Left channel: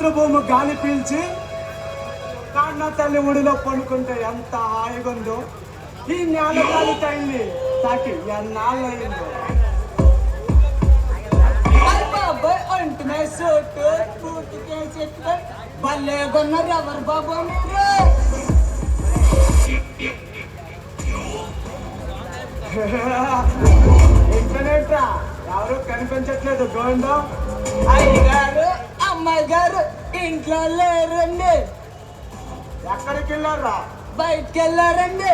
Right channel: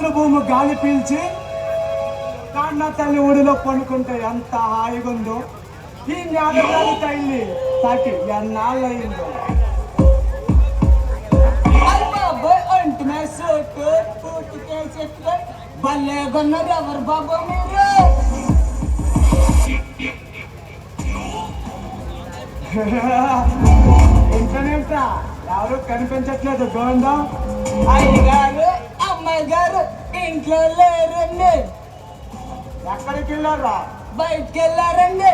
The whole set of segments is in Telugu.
మాతృభూమి గాలి పీల్చి కన్న తల్లి ఒడిలో పండుకుంటే ఎంత హాయిగా ఉందో. ఈ నేల గాలి తల్లి తాకి ఎన్నాళ్ళయిందో. భలేగన్నారు ఎవరు బాబు మీరు? ఇంటర్నెట్ ఎవరు కనిపించట్లేదు గోవిందం. అయ్యగారు అమ్మాయి గారు ఇంట్లో లేరండి. ఎక్కడికి వెళ్ళారా? బయటికి వెళ్ళారండి.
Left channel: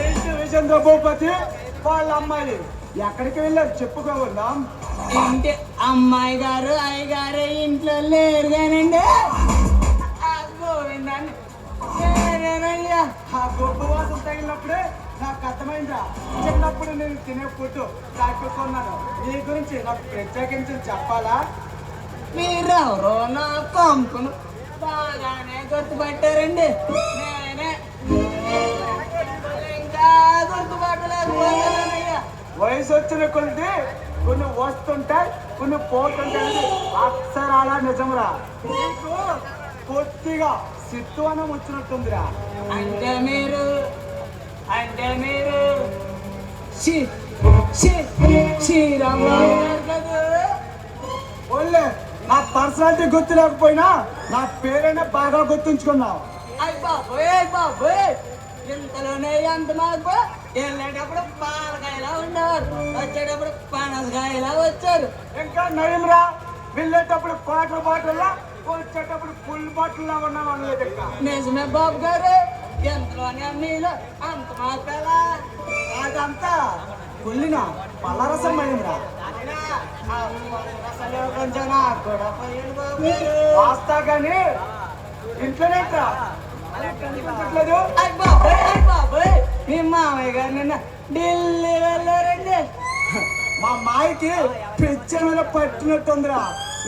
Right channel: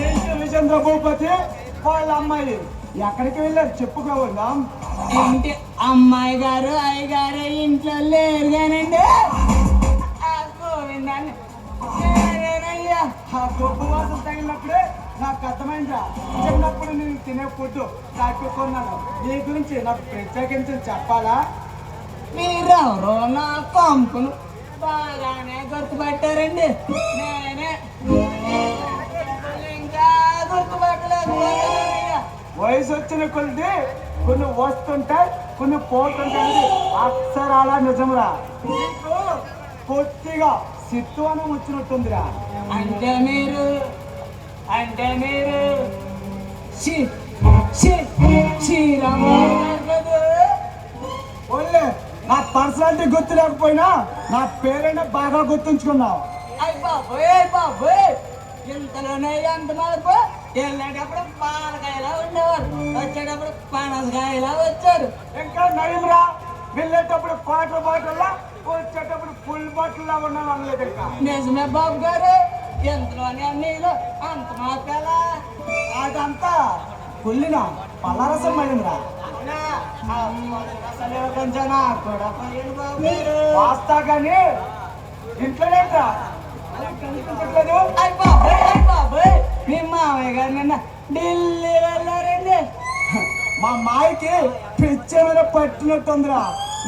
ఏంటి విజేంద్ర భూపతి వాళ్ళ అమ్మాయి ఎక్కడికి వెళ్ళారు చెప్పుకోవాలా? ఇంటి అమ్మాయి గారు అయ్యగారు ఇంట్లో లేరు కానండి. గోవిందాన్ని నేనేనయ్యా. ఆ గొప్ప వాసన తగిలినప్పుడే నాకు అర్థమైందా. చిన్నప్పుడు నేను తినే ఫుడ్ తాకుకున్నాను. నీ గురించి నాకు ప్రత్యేకించి చెప్పాలా? మీరెవరో నా కంపెనీ బాగానే గుర్తుపట్టారండి. నేనే ఇంకా గుర్తుపట్టలేకపోయానయ్యా. వయసు వచ్చిన కొద్ది కొన్ని వస్తుంటాయి, కొన్ని పోతుంటాయి. అక్షరాలా నిజంరా. నీకు కొద్దిగా సిత్తువనం వచ్చినట్టుందిరా. అంటే మీరు శ్రీరామారావు గారు కదా? ఓన్లే నా పర్సనాలిటీ గుర్తు లేకపోయినా నా పేరైనా బాగా గుర్తుంచుకున్నావు. అయ్య బాబోయ్ ఇంతలోనే ఎంత మాకు వెళ్ళేటప్పుడు పాలకాయలా ఉండేవారు, వచ్చేటప్పుడు పనసకాయలా వచ్చారు. ఇంకా నయంరా, వెళ్ళేటప్పుడు క్వార్టర్ బాటిల్లా, వచ్చేటప్పుడు ఫుల్ బాటిల్లా ఉన్నావు అనలేదు. ఇంకా నిజమే బాబు గారు, ఎంతలోనే నీళ్ళు అంత మాకలా. అదంతా పుల్లిన పల్లరసం అయిందిరా. వాస్తా గాని ఇంట్లోనేట్రా మీ మామయ్య గారు నిన్న ఢిల్లీ వెళ్ళారండి. మా మాయకి పిచ్చ మీద పట్టినట్టుందిరా.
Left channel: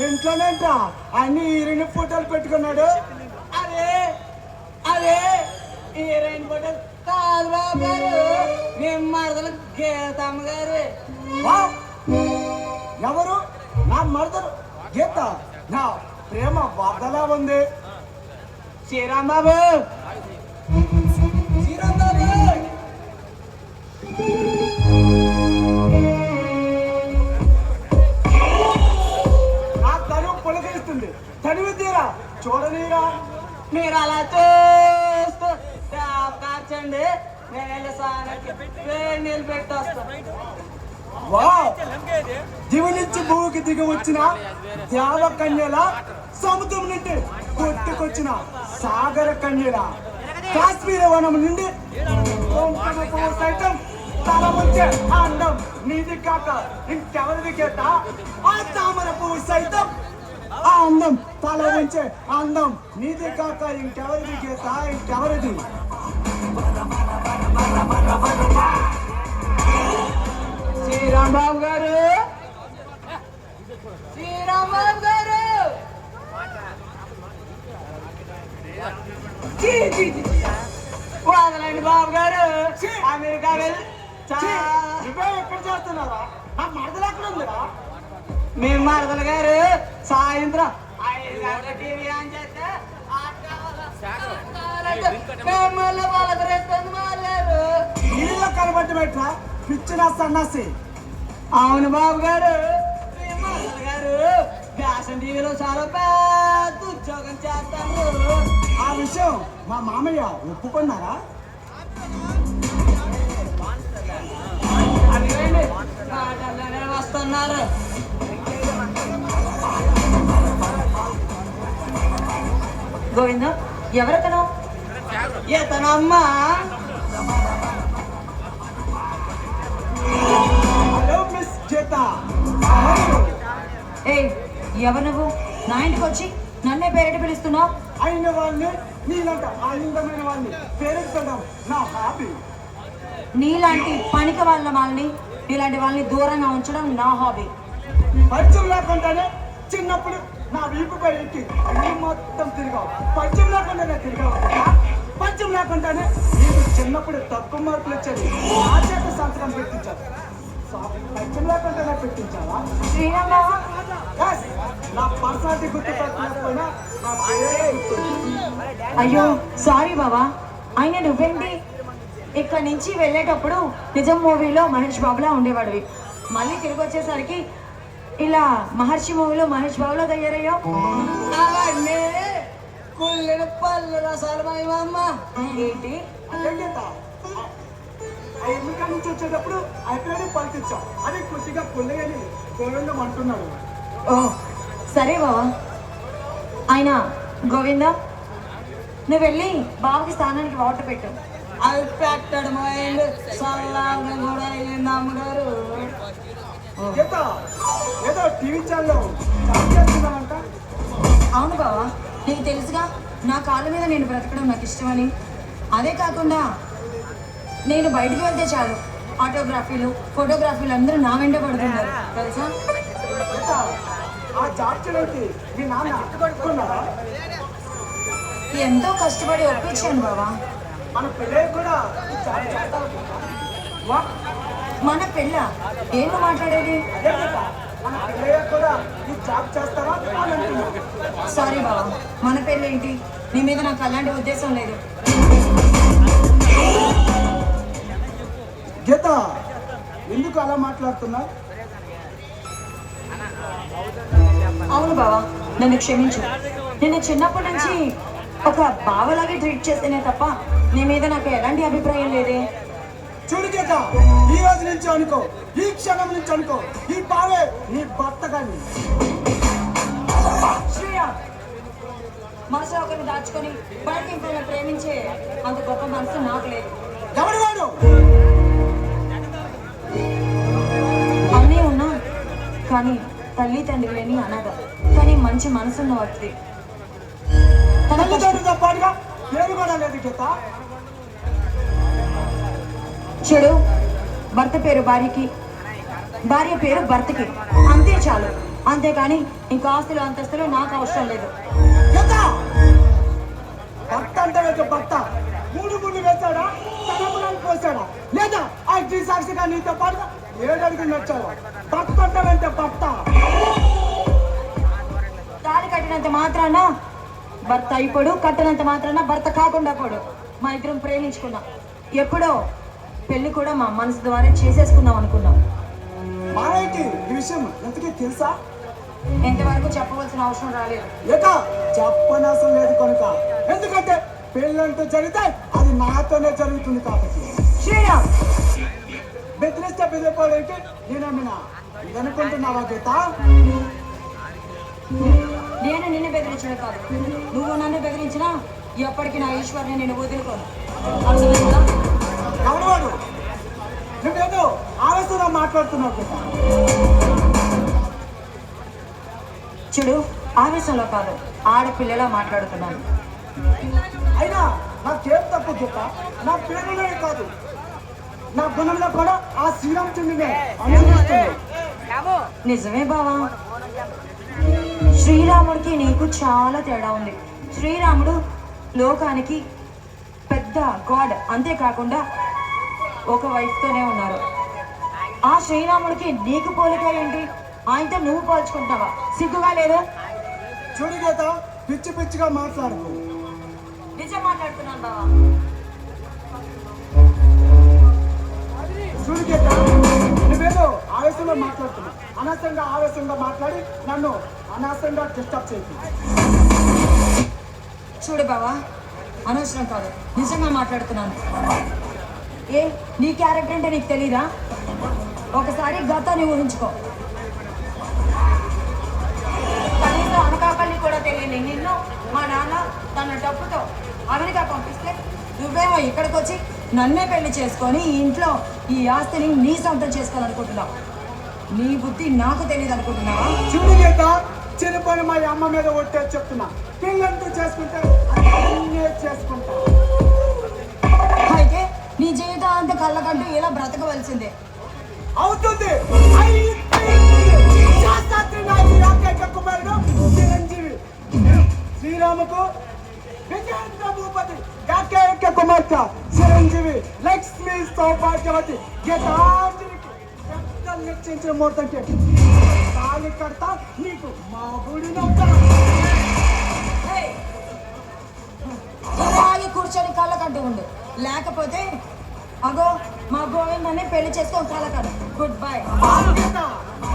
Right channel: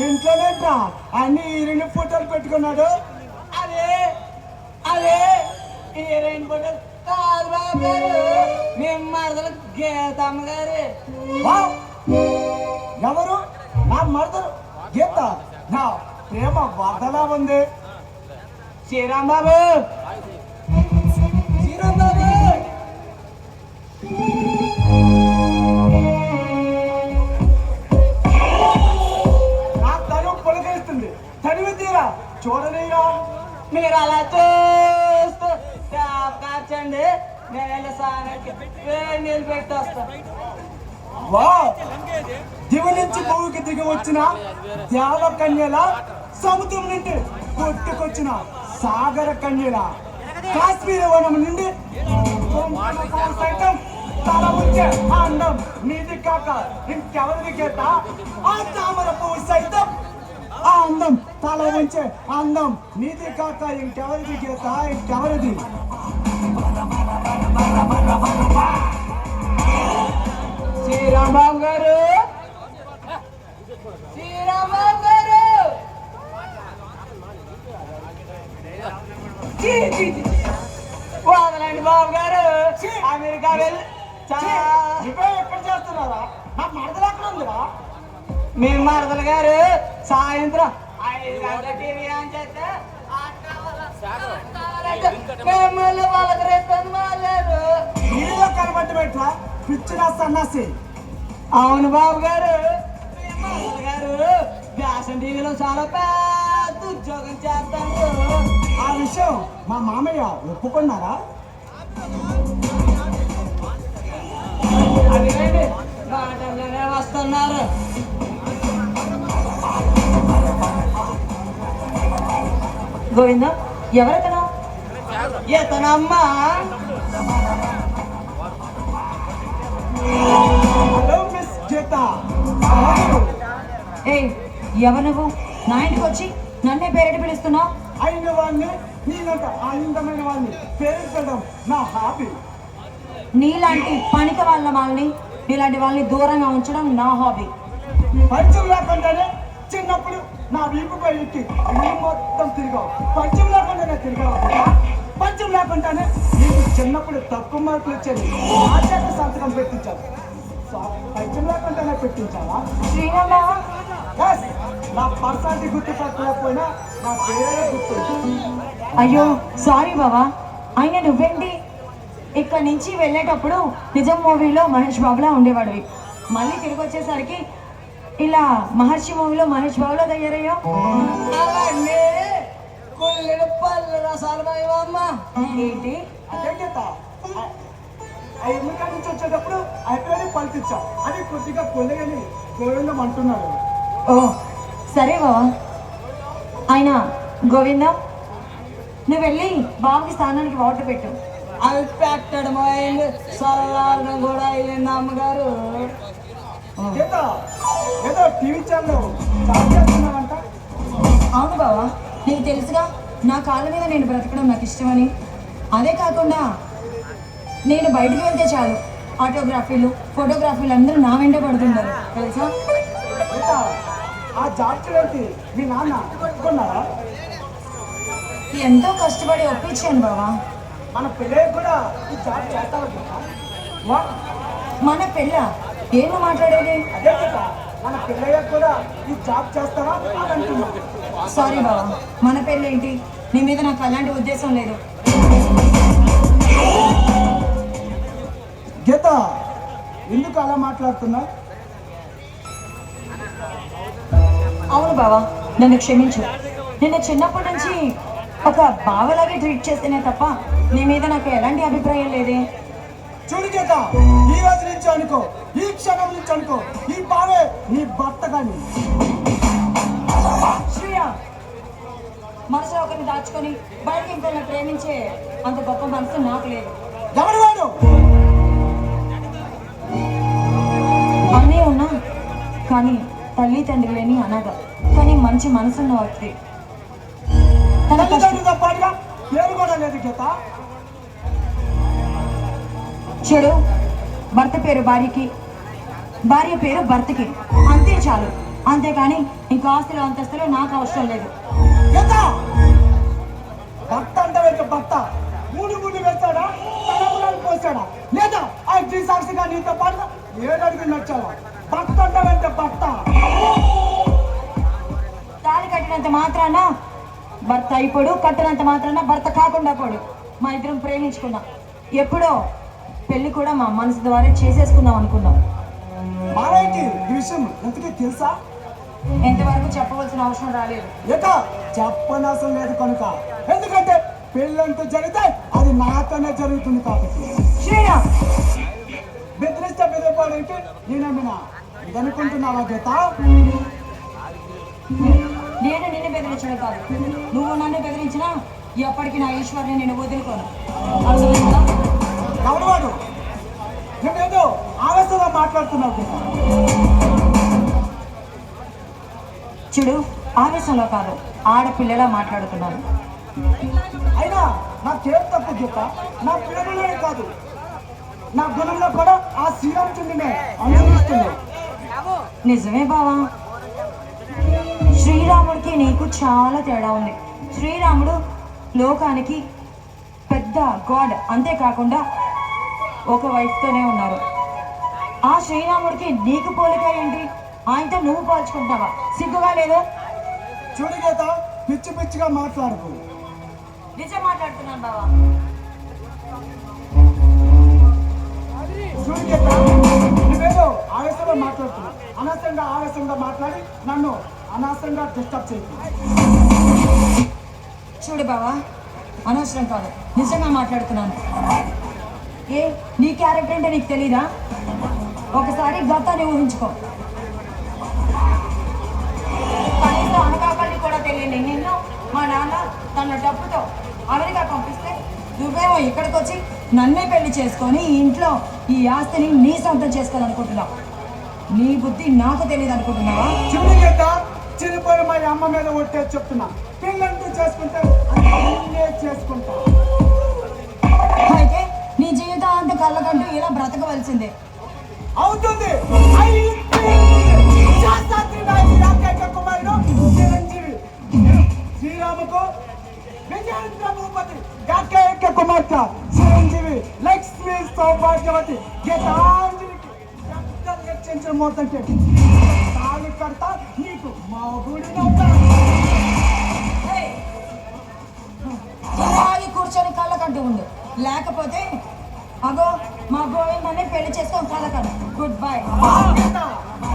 ఇంట్లోనేట్రా అన్ని హీరోయిన్ ఫోటోలు పెట్టుకున్నాడు. అదే హీరోయిన్ ఫోటో కాదు బాబు గారు, మేము మరదలు గీతమ్మ గారు. ఎవరు? నా మరదలు గీత. నా ప్రేమ వదలా ఉంది. శ్రీరాంబాబు నా తను పొలకేస్తుంది. చదివి తీరా చూడనీరా. మీరు అలా చూస్తూ కాచండి, నేను సానకి వేడి నీళ్ళు పెట్టి వస్తాను. దివి నుంచి భూమికి దిగి వచ్చిన దేవ కన్యల, సముద్రం నుండి కొట్టుకొచ్చిన సాగర కన్యల, కాశ్మీర వనం నుండి సైతం తల వచ్చే అందం నీది కాక ఇంకెవరిది గీత. ఆ తామర పువ్వు సైతం ఆ అందం తల వచ్చే అందం నీది కాక ఇంకెవరిది గీత, ఇంకెవరిది? శ్రీరాంబాబు గారు, శ్రీరాంబాబు గారు, వదలండి బాబు గారు. అమెరికా వెళ్ళి ఎక్కడ చేస్తున్నారా? నా మరదలు ఎక్కడ ఉందిరా? మీ మరదలు గారు సాయంత్రం 5 గంటల టీవీ అని చెప్తే నీళ్ళ కనబట్టి పెట్టరా పిచ్చిన సన్నాసి. అవును బాబు గారు, మీ మరదలు గారు ఫ్యాషన్ టీవీలో చాలా పెద్ద ఉద్యోగం చేస్తారు. ఆ విషయం మా మామయ్య ఒప్పుకున్నారా? అదిగండి బాటలోనే వస్తున్నారు. గోవింద, ఎవరతను? ఇతనమ్మా హలో మిస్ గీత. ఏ ఎవరు నువ్వు? నా ఇంటికి వచ్చి నన్నే పేరెట్టి పిలుస్తున్నావు? అయిన వాళ్ళని నీలంట అందమైన వాళ్ళని పేరెత్తడం నా హాబీ. నీలాంటి పనిక వాళ్ళ వాళ్ళని, నీలాంటి వాళ్ళని దూరంగా ఉంచడం నా హాబీ. పరిచయం లేకుండానే చిన్నప్పుడు నా వీపుపై ఎక్కి ఇల్లు మొత్తం తిరిగావు. పరిచయం లేకుండానే తిరిగావు. పరిచయం లేకుండానే నీకు చిన్నప్పుడు తక్కువ మార్కులు వచ్చేది. నా చేత సంతకం పెట్టించాను. పరిచయం లేకుండానే పెట్టించావా? శ్రీరామ, Yes, నా పర్సనాలిటీ గుర్తుపట్టకపోయినా నా పేరే గుర్తుంది. అయ్యో సారీ బావా. అయినా నువ్వేంటి ఇక్కడ నుంచి వెళ్ళేటప్పుడు నిజం మూవీలో మహేష్ బాబులా ఉండేవాడివి, మళ్ళీ తిరిగి వచ్చేసరికి ఇలా మహర్షి మూవీలో మహేష్ బాబులో తయారయ్యో. అవన్నీ పుల్లెడు పళ్ళు రసాలు అమ్మ. ఏంటి అదే కదా ఆ ఎన్నిక నుంచి వచ్చేటప్పుడు అక్కడే పలికించాం అని కొద్దిగా కొల్లగని గోవిందం అంటున్నాడు. ఓ సరే బావా. ఆయన గోవింద, నువ్వు వెళ్ళి బాబుకి స్నానానికి వాటర్ పెట్టు. అవి పెట్టడం అయింది సవాళ్ళు కూడా అయింది అమ్మగారు. ఏదో ఏదో టీవీ ఛానల్ జాబ్ చేస్తున్నావంట. అవును బావా, నీకు తెలుసుగా నా కాళ్ళ మీద నేను బ్రతకడం నాకు ఇష్టమని. అదే కాకుండా నేను బయటికి వెళ్తే చాలు ఆటోగ్రఫీలు ఫోటోగ్రఫీలు అందరూ నా వెంట పడుతున్నారు తెలుసా. ఏదో ఆ జాబ్ చేయడానికి మీ నాన్న పట్టుకున్నారా? ఎంతో కష్టపడి ఒప్పించాను బావా. మన పిల్లలు కూడా ఈ జాబ్ చేస్తావు. మన పెళ్ళ ఏమో మాట్లాడేది. అదే కదా మన పిల్లలు కూడా ఈ జాబ్ చేస్తావా అని అంటున్నాడు. సారీ బావా, మన పెళ్ళేంటి, నీ మీద నాకు అలాంటి ఉద్దేశం లేదు. గీత ఎందుకు అలా మాట్లాడుతున్నా? అవును బావా, నన్ను క్షమించు. నేను చిన్నప్పటి నుంచి ఒక బావలాగే ట్రీట్ చేస్తేనే తప్ప నీ మీద నాకు ఎలాంటి అభిప్రాయం లేదే. చూడు గీత, ఈ రోజు నుంచి అనుకో, ఈ క్షణం నుంచి అనుకో, ఈ బావే నీ భర్త కానీ. శ్రీయా, మనసులో ఒకరిని దాచుకొని బయటకి ఇంకొకరిని ప్రేమించే అంత గొప్ప మనసు నాకు లేదు. ఎవడు వాడు? అన్నీ ఉన్నా కానీ తల్లి తండ్రి లేని అనాథ, కానీ మంచి మనసున్న వ్యక్తి. తన కష్టం తల్లిదండ్రులతో పాటుగా పేరు కూడా లేదు గీత. చెడు భర్త పేరు భార్యకి, భార్య పేరు భర్తకి, అంతే చాలు. అంతేకాని ఇంకా ఆస్తులు అంతస్తులు నాకు అవసరం లేదు. గీత, భర్త అంటే వెళ్తే భర్త మూడు గుళ్ళు వేస్తాడా, తలపురాలు పోస్తాడా, లేదా అగ్ని సాక్షిగా నీతో పాటుగా 7 అడుగులు నచ్చాడా? భర్త అంటే వెళ్తే భర్త. తాళి కట్టినంత మాత్రాన భర్త అయిపోడు, కట్టినంత మాత్రాన భర్త కాకుండా పోడు. మా ఇద్దరం ప్రేమించుకున్నాం, ఎప్పుడో పెళ్లి కూడా మా మనసు ద్వారా చేసేసుకుందాం అనుకున్నాం. మారేంటి ఈ విషయం ఎంతకీ తెలుసా? ఎంతవరకు చెప్పవలసిన అవసరం రాలేదు. లేక చెప్పనవసరం లేదు కనుక. ఎందుకంటే పెళ్ళంటూ జరిగితే అది నాతోనే జరుగుతుంది కాబట్టి. శ్రీరామ్, బెదిరిస్తే బెదిరిపోవడానికి నేనేమైనా ఇదనుకుంటున్నావా గీత? నేను నిన్ను బెదిరించడం కాదు, నువ్వు నన్ను బెదిరించినా ఎప్పటికీ నా ఈశ్వర్ని నేను వదులుకోను. అర్థమైందా? ఎవడు వాడు? నువ్వేదో ఆవేశంగా మాట్లాడుతున్నావు గీత. చూడు, ఆవేశంలో కాదు, ఆడపిల్లలా మాట్లాడుతున్నాను. అయినా నాకేం తప్పు గీత? నా పేరులోనే కాదు, నా గుణంలో కూడా ఆ శ్రీరామచంద్రునే అనుభవిస్తుంది. నిజమే బావా, శ్రీరాముడికి నీకు చాలా తేడా ఉంది. శ్రీరాముడు లోకానికి పెద్ద గాడ్, అంతేకాకుండా ఒక వైఫ్తోనే ఉన్నారు. ఆ శ్రీరాముడికి నీకు పోలిక ఏంటి? ఆయనతో నువ్వు పోల్చుకుంటున్నావా? సిగ్గుగా లేదు? చూడు గీత, పిచ్చి పిచ్చిగా మాట్లాడు. నిజం మాట్లాడుతున్నాను బావా. చూడు గీత, నువ్వేదో ఆవేశంలో మాట్లాడుతున్నావు. అనవసరంగా ఆవేశంగా మాట్లాడి నన్ను అనవసరంగా డిస్టర్బ్ చేయకు. చూడు బావా, అనవసరం కాదు, నిజంగా మాట్లాడుతున్నాను. ఏ నీ క్యారెక్టర్ అంటే నీకు తెలీదా? ఒకసారి గతాన్ని ఊహించుకో. కనీసం అనకాపల్లి కూడా తెలియని నిన్ను మా నాన్న తన డబ్బుతో అమెరికా పంపిస్తే నువ్వేమో ఇక్కడికి వచ్చి నన్నే పెళ్లి చేసుకొని ఈ ఇంట్లో ఈ ఆస్తిని నీ సొంతం చేసుకోవాలనుకుంటున్నావు. నీ బుద్ధి నాకు తెలియదు అనుకుంటున్నావా? చూడు గీత, చిరుపోయి మా అమ్మ మీద ఒట్టే చెప్తున్నా. పిల్లంటూ చేసుకుంటే అన్నీ చేసుకుంటా. అయితే నీ జీవితాంత కళ్ళకంటూ ఇలా బ్రతకవలసిందే. అవుతుంది, అయిపోయింది. శాస్త్రి నాయకుడు ఏకైక కుమారుడు చిరంజీవి. శ్రీరాముకు విజయేంద్ర భూపతి ఏకైక కుమార్తె చిరంజీవి లక్ష్మీ సౌభాగ్యవతి గీతాంజలికి రక్తం లెక్కించిన మోతంటే తాళి కడతా నీకు మా గుడినవుతా. ఏయ్, ఇలాగే కూర్చొని కళ్ళ కంటూ ఉండు, లేకపోతే అగో మా గోవిందనే పెళ్లి చేసుకొని కళ్ళ కంట. Good bye. బాధ్యత